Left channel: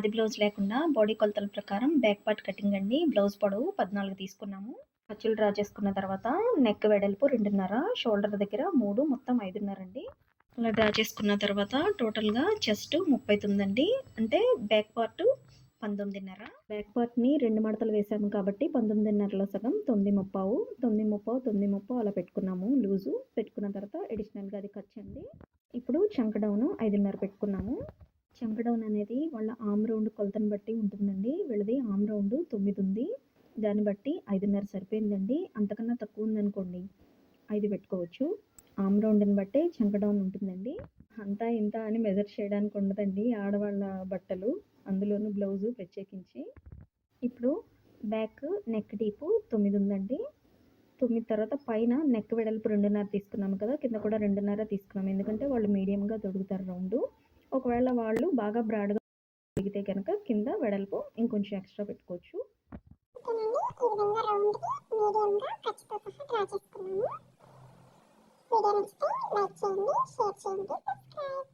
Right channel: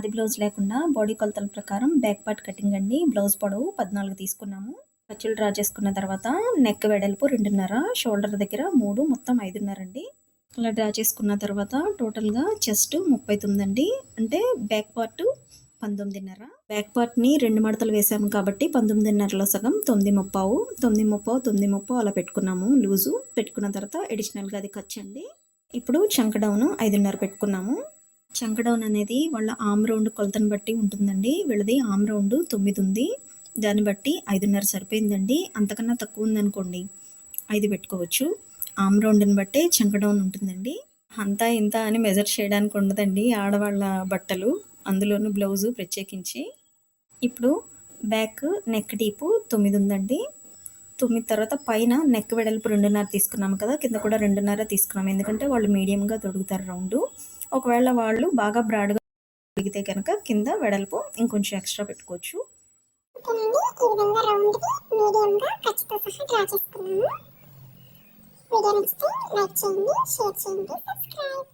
ఆది బ్లౌజ్ లేకుండా బాడీ కొలతల ప్రకారం బ్యాక్ పార్ట్ కటింగ్ అండి. బ్లౌజ్ పొడవు 14 తీసుకున్నాము. ఖర్చులు డ్రా చేసుకున్న తర్వాత నెక్ వెడల్పు 2.5, షోల్డర్ దగ్గర 3, మొత్తం 5.5 అండి. అలా డ్రా చేసుకున్న తర్వాత టోటల్‌గా చెస్ట్ 39 అండి. అంటే బ్యాక్ పార్ట్ 19.5. బ్యాక్ పార్ట్‌ని 2 మడతలు వేసాము కాబట్టి 19.5లో సగం 9:15, 9:30, 9:30 అలా పెట్టుకున్నాము లూజు. పెట్టుకున్న తర్వాత అడిషనల్‌గా అది ఖర్చండి. ఇప్పుడు చంక డౌను 5.5 పెట్టుకున్నాము. చంక డౌన్ అనేది వాళ్ళ ఆర్మ్ రౌండ్ కొలతను బట్టి ఉంటుందండి. వీళ్ళది ఆర్మ్ రౌండ్ 9 ఉంది. దాన్ని బట్టి 5.5 సరిపోయిందండి. అంతకన్నా తక్కువ ఉందనుకోండి 5 పెట్టుకోవచ్చు. ఆర్మ్ రౌండ్‌ని బట్టే చంక డౌన్ ఉంటుందండి. అంతా ఇంత అని మెజర్ చేయడానికి ఉండదండి ఆడవాళ్ళ బట్టలు, అందులోనూ బ్లౌజు ప్రత్యేకించి. ఇప్పుడు బ్యాక్ నెక్ డీపు 9 ఉందండి. 9 తర్వాత పైన నెక్ వెడల్పు 2.5 తీసుకున్నాము కదా! కింద కూడా 2.5 తీసుకున్నాము. ఎందుకంటే వాళ్ళు మీడియంగా తొడుగుతారు రౌండు. ఒకవేళ వాళ్ళు బాగా బ్రాడ్‌గా తొడిగితే కనుక కింద వెడల్పు ఇంకొంచెం ఎక్స్‌ట్రా పెట్టుకోవచ్చు. ఓకేనండి. ఈ విధంగా రౌండ్‌కి మీడియంగా ఖర్చుతో సహా డ్రా చేసుకున్నాము. వీడియో నచ్చితే లైక్ చేయండి, షేర్ చేయండి, సబ్స్క్రైబ్.